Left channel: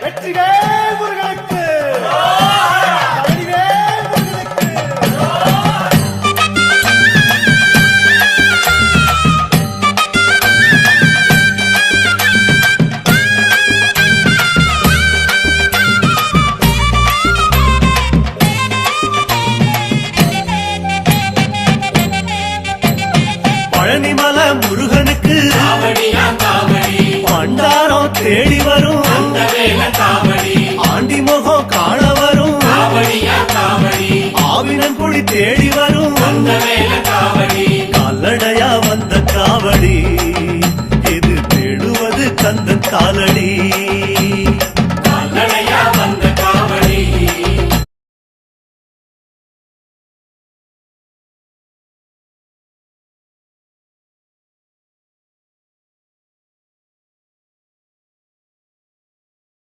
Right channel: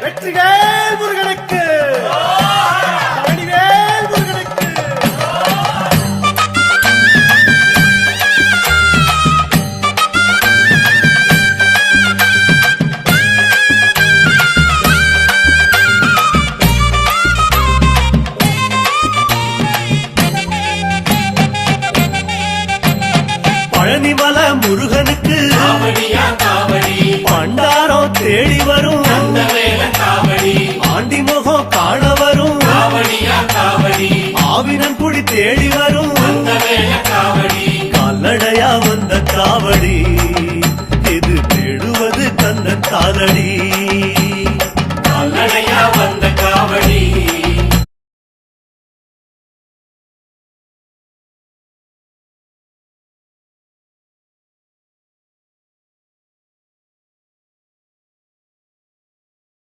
வெற்றிவேல் முருகனுக்கு பழனிவேல் முருகனுக்கு. பழனிமலை முருகனுக்கு பண்டாரம் தேடி வரும், ஆண்டி முகம் காண வரும், ஆவினங்குடி தேடி வரும், கால்நடையா வந்த காவடி இது தேடுவது கந்தன் காலடி.